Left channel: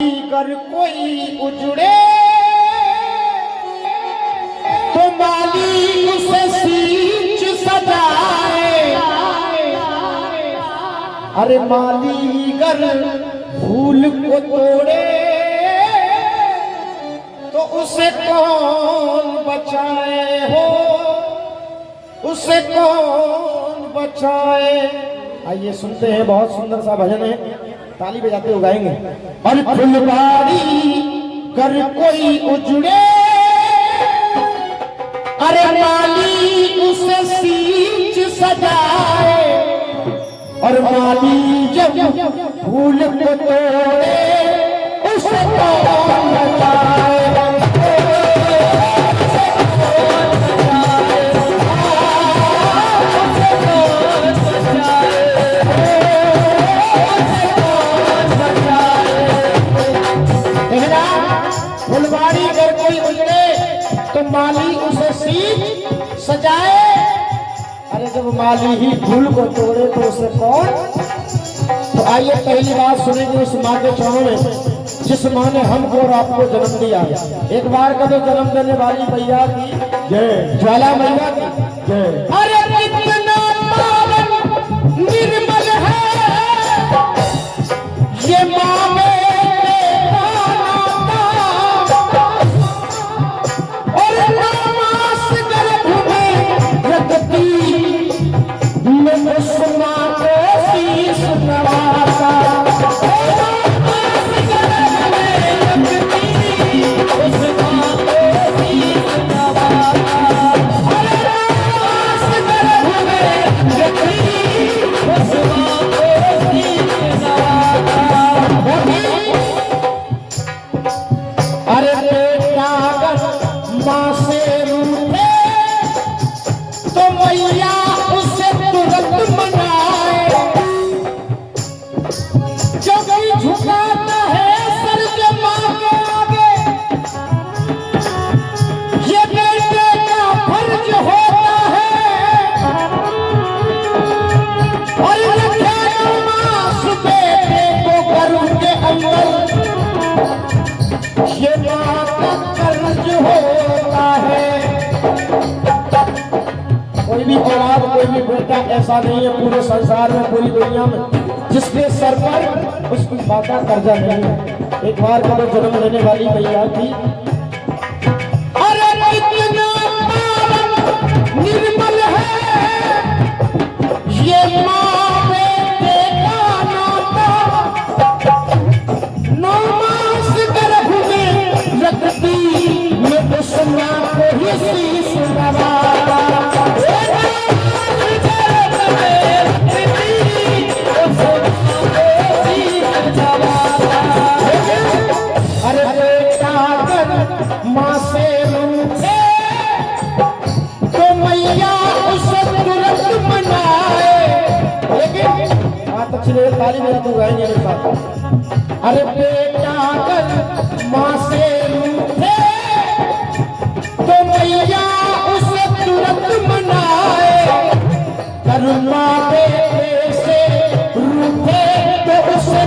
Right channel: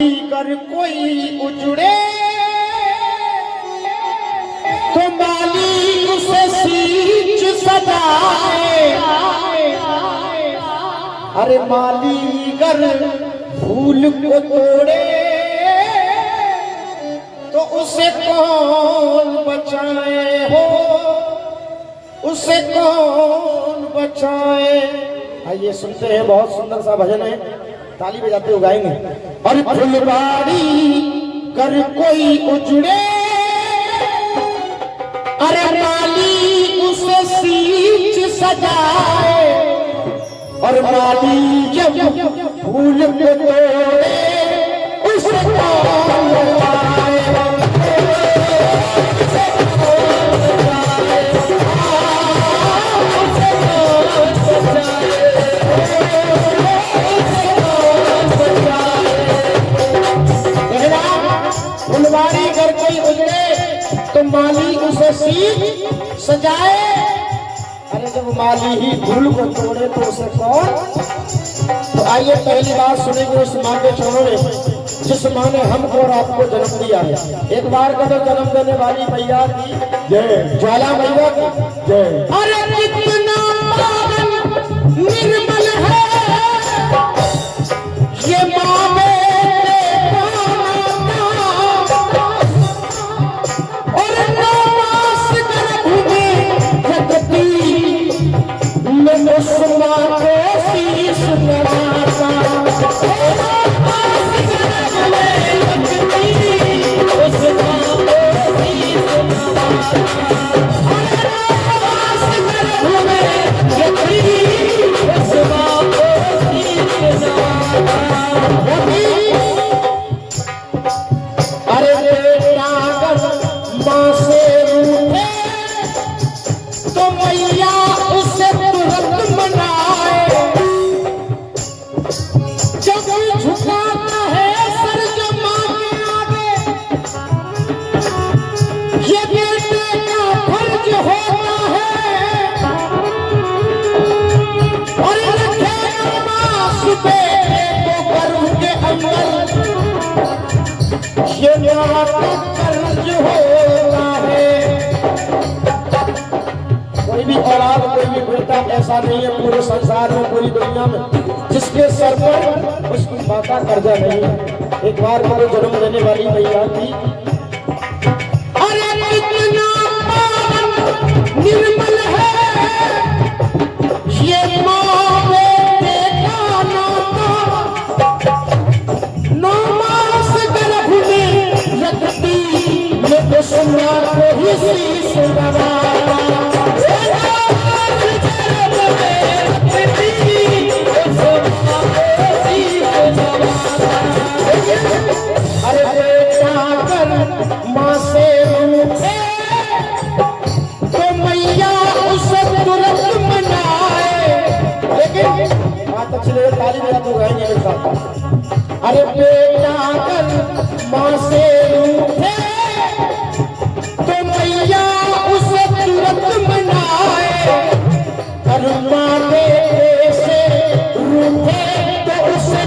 कर कोई उजड़े तो माली उसे सींच सजाए। अरे माली कर फूल को तोड़े तो उसे कौन बचाए हो, उसे कौन बचाए। आइए सुनते हैं, बहुत सुंदर सा भजन है, ताली बजाते हुए गाएंगे। और फुलवाड़ी कर कोई उजड़े, अरे माली उसे सींच सजाए। और माली जब फूल को तोड़े उसे कौन बचाए। फुलवाड़ी अगर कोई उजड़े तो माली उसे सींच सजाए। अरे जब माली ही फूल को तोड़े तो उसे कौन। तो आइए पहली बात सुनेंगे उस माँ के चरणों में जिस माँ ने हमको और आपको जन्म दिया है। एक बार का तो जन्म देने वाली मैया की जय, ज्वाला मैया की जय। अरे कितना पावन निर्मल है ये माँ में कोई भी बेटा ऐसा नहीं है पूरे संसार में, पूरी दुनिया में जिसके सर पर उसकी माँ का कर्जा नहीं है। एक बार को जन्म देने वाली मैया थी। अरे कितना निर्मल है ये माँ बेटा नाता, 9 मास गर्भ में रखती ये सुना को ही शीश नवारा। माँ से रूठे तो मैया उसे तुरंत मनाए। लेकिन बात अच्छी लगे ताली मेरी तो गाएंगे मेरे साथ। अरे बेटा अगर माँ से रूठे तो मैया उसे तुरंत मनाए। अरे माँ बेटे से रूठे तो उसे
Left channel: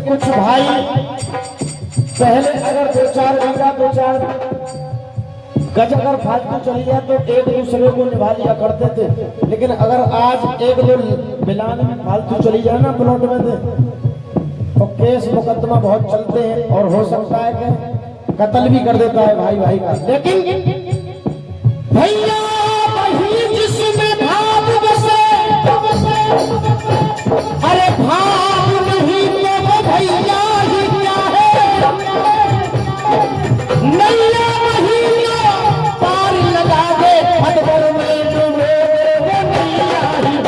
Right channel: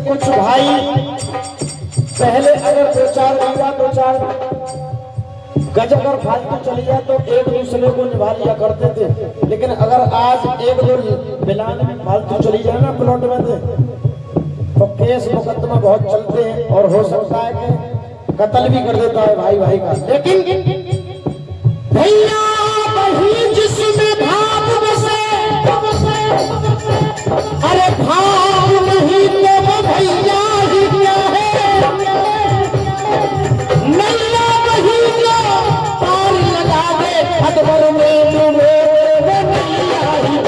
कुछ भाई पहले अगर 2-4 बीघा 2-4 गज अगर फालतू चली जाए तो एक दूसरे को निभा लिया करते थे। लेकिन अगर आज एक दो बिलान में फालतू चली जाए ना प्लॉट में तो केस मुकदमा बहुत चलते हैं और हो सकता है कि कत्ल भी कर देता है भाई भाई का, लेकिन भैया बही जिसमें भाग बसे, अरे भाग नहीं तो वो भैया ही क्या है, नैया बही को पार लगा दे हटवर में जो मेरे नैया ही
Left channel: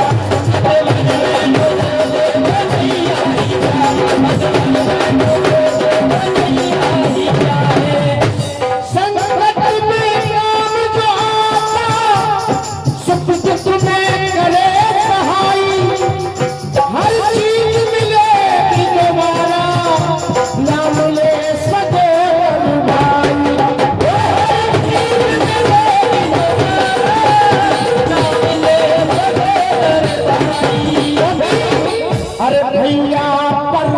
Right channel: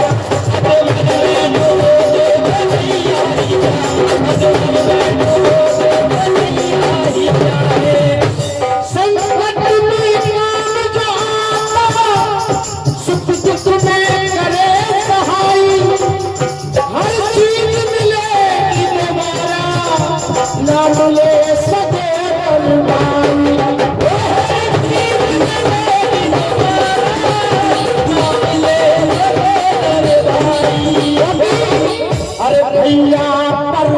संकट में काम जो आता, सुख दुख में करे सहाई, हर चीज मिलेगी दोबारा, ना मिले सदैव भाई। अरे भैया पर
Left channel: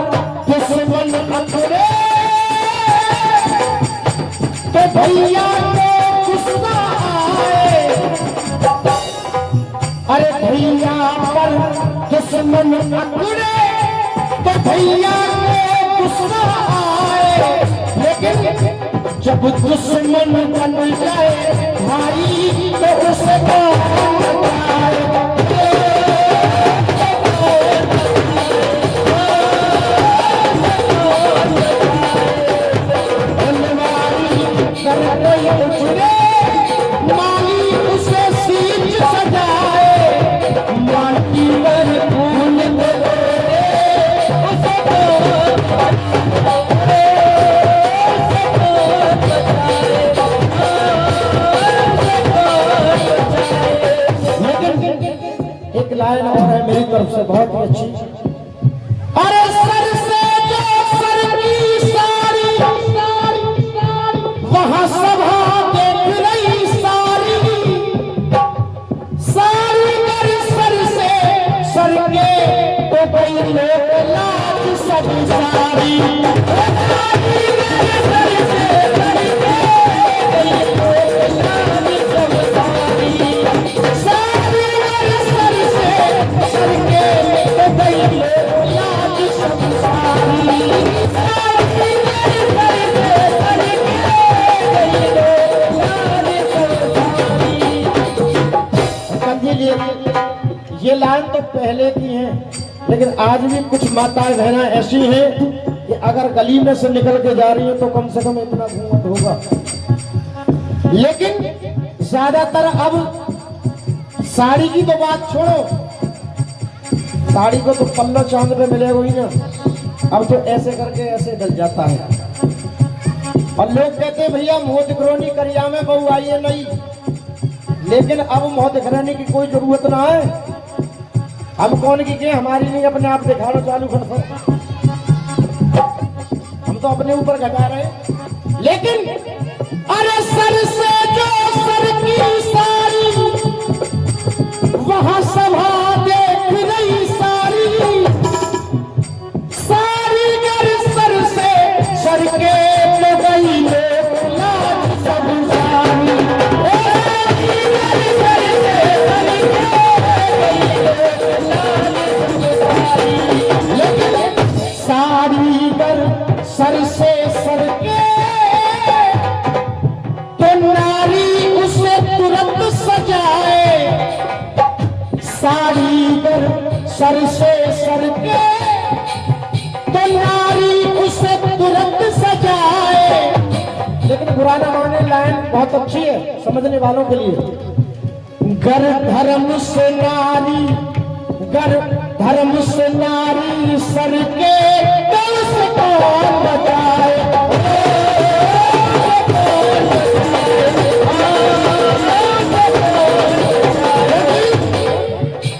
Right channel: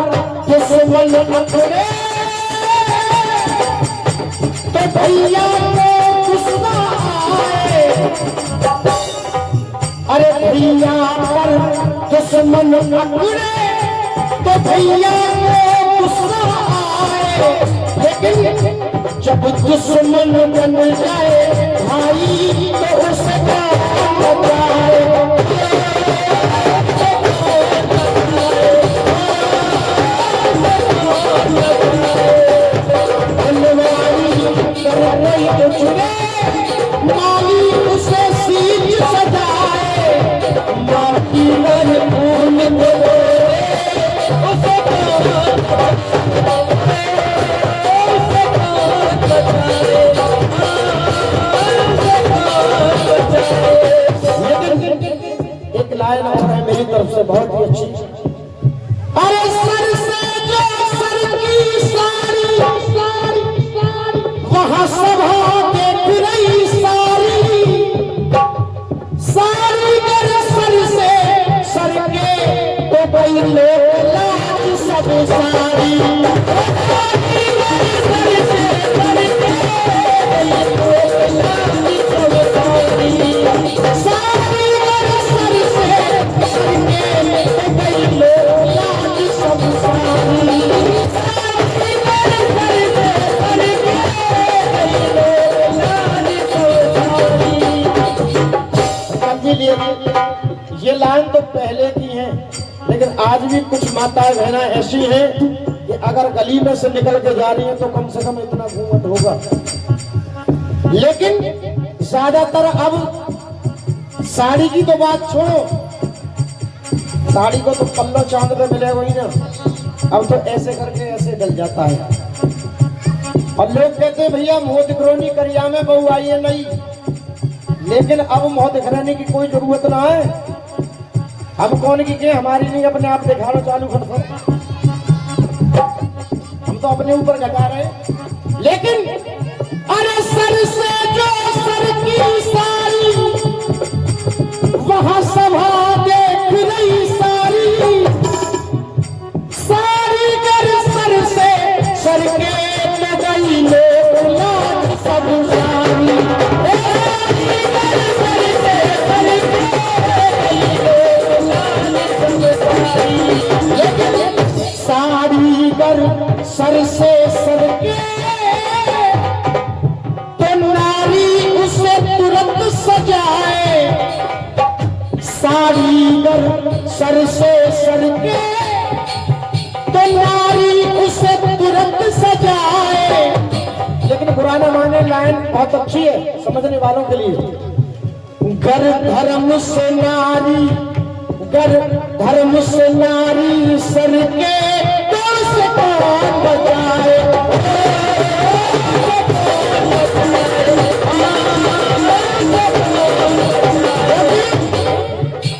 दुश्मन न करे तो भैया को गुस्सा आए, अरे भैया पर दुश्मन न करे तो भैया को गुस्सा आए, लेकिन जब दुश्मन बन जाए भाई तो उसको बताए। माली उसे सीट सजाए, माटी नर फूल एक लाइन और है मेरी तरफ से बहुत ही अच्छी। अरे सर से जो सर की सारी वहाँ सभा देख रही सारी, सारी मेरे सर से सर के तो कोई लोग लाज सब सारी, सारी मेरे सर से सर के कोई लोग लाज सब सारी, सारी मेरे सर से सर के तो कोई लोग लाज सब सारी, सारी मेरे सर से सर के। ये लाइन तो पहले की है, लेकिन आज भी कुछ माताएं बहना ऐसी हैं कि अगर गली में से निकल के जा रही है तो कम से कम इतना घूंघट होगा, लेकिन ज्यादातर अब साड़ी की तो बात छोड़ो, साड़ी को तो पल्लो चांद पे मिलेगा ही ना, अब तो ऐसे करके ऐसे जल जाता है। और लोग कहते हैं भैया मुंह दिखरोनी करिया में बहू आई है नहीं, लेकिन अब मुंह दिखराने की कोई जरूरत ना है, हम कौन की के हमारी नहीं अपने आप दिखाना चालू कर सकते, हम तो अपने ऊपर घटा रहे हैं। लेकिन अरे सर से जो सर की सारी वहां सभा देख रही सारी, सारी मेरे सर से सर के तो गई लोग लाज सब सारी, मेरे सर से सर के लोग लाज सब सारी, लेकिन सारी गर सर से सर के तो नारी उसे तुरंत सजाए, सारी गर सर से सर के तो नारी उसे तुरंत सजाए। लेकिन बुरा ना माने, लाइन बहुत अच्छी है समझने वालों के लिए। गर धर्म से नारी, गर धर्म से नारी सर के तो से कौन बताए,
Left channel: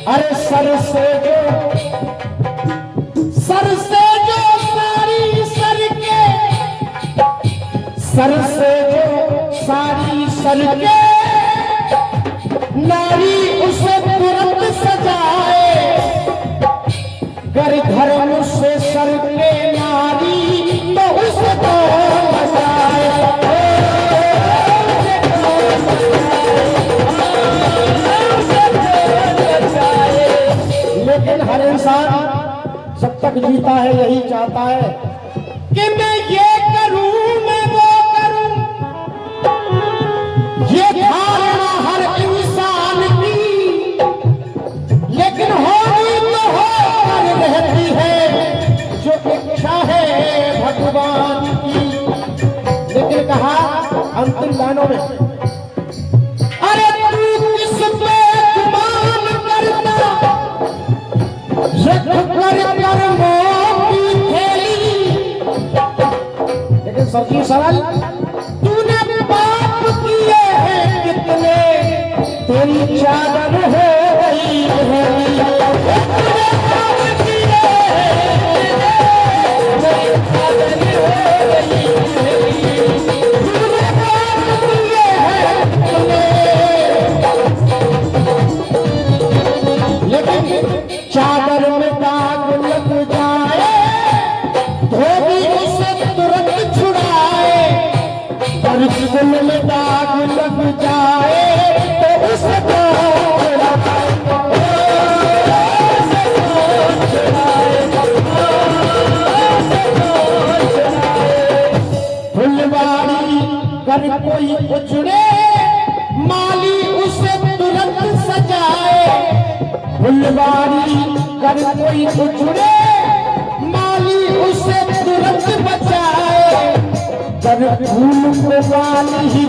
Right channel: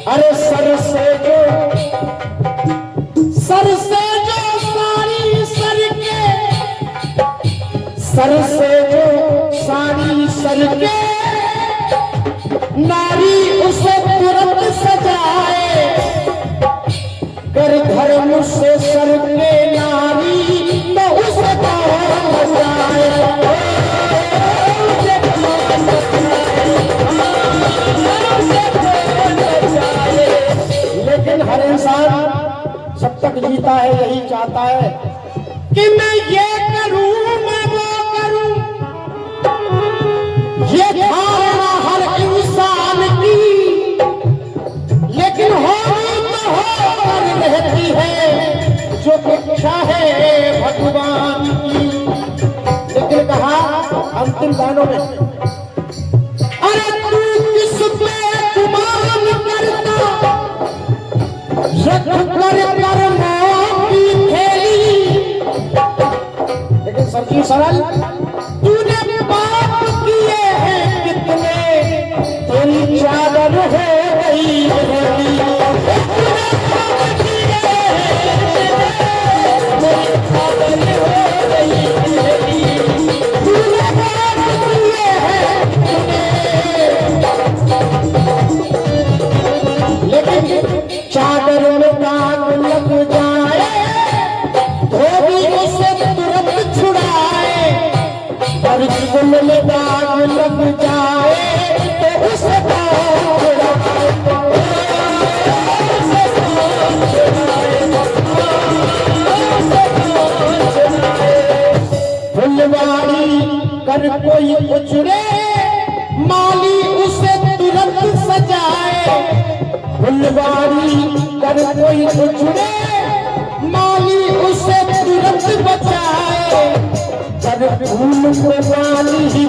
अरे सर से जो सारी सर के, सर से जो सारी सर के नारी उसे तुरंत सजाए, कर धर्म से सर के नारी तो उसे कौन बचाए। लेकिन हर इंसान जब तक जीता है यही चाहता है कि मैं ये करूं मैं वो करूं, ये धारणा हर इंसान की, लेकिन होनी तो होकर रहती है जो इच्छा है भगवान की। लेकिन कहा अंतिम गानों में, अरे तू किस पे गुमान करता, रख कर कर्मों की थैली। लेकिन सच्ची सरल, तूने पाप किए हैं कितने, तेरी चादर हो गई हेली। चादर में दाग लग जाए, धोबी उसे तुरंत छुड़ाए, और जीवन में दाग लग जाए तो उसे फुलवारी कर कोई उजड़े, माली उसे तुरंत सजाए। फुलवारी कर कोई उजड़े, माली उसे तुरंत बचाए। जब फूल को माली ही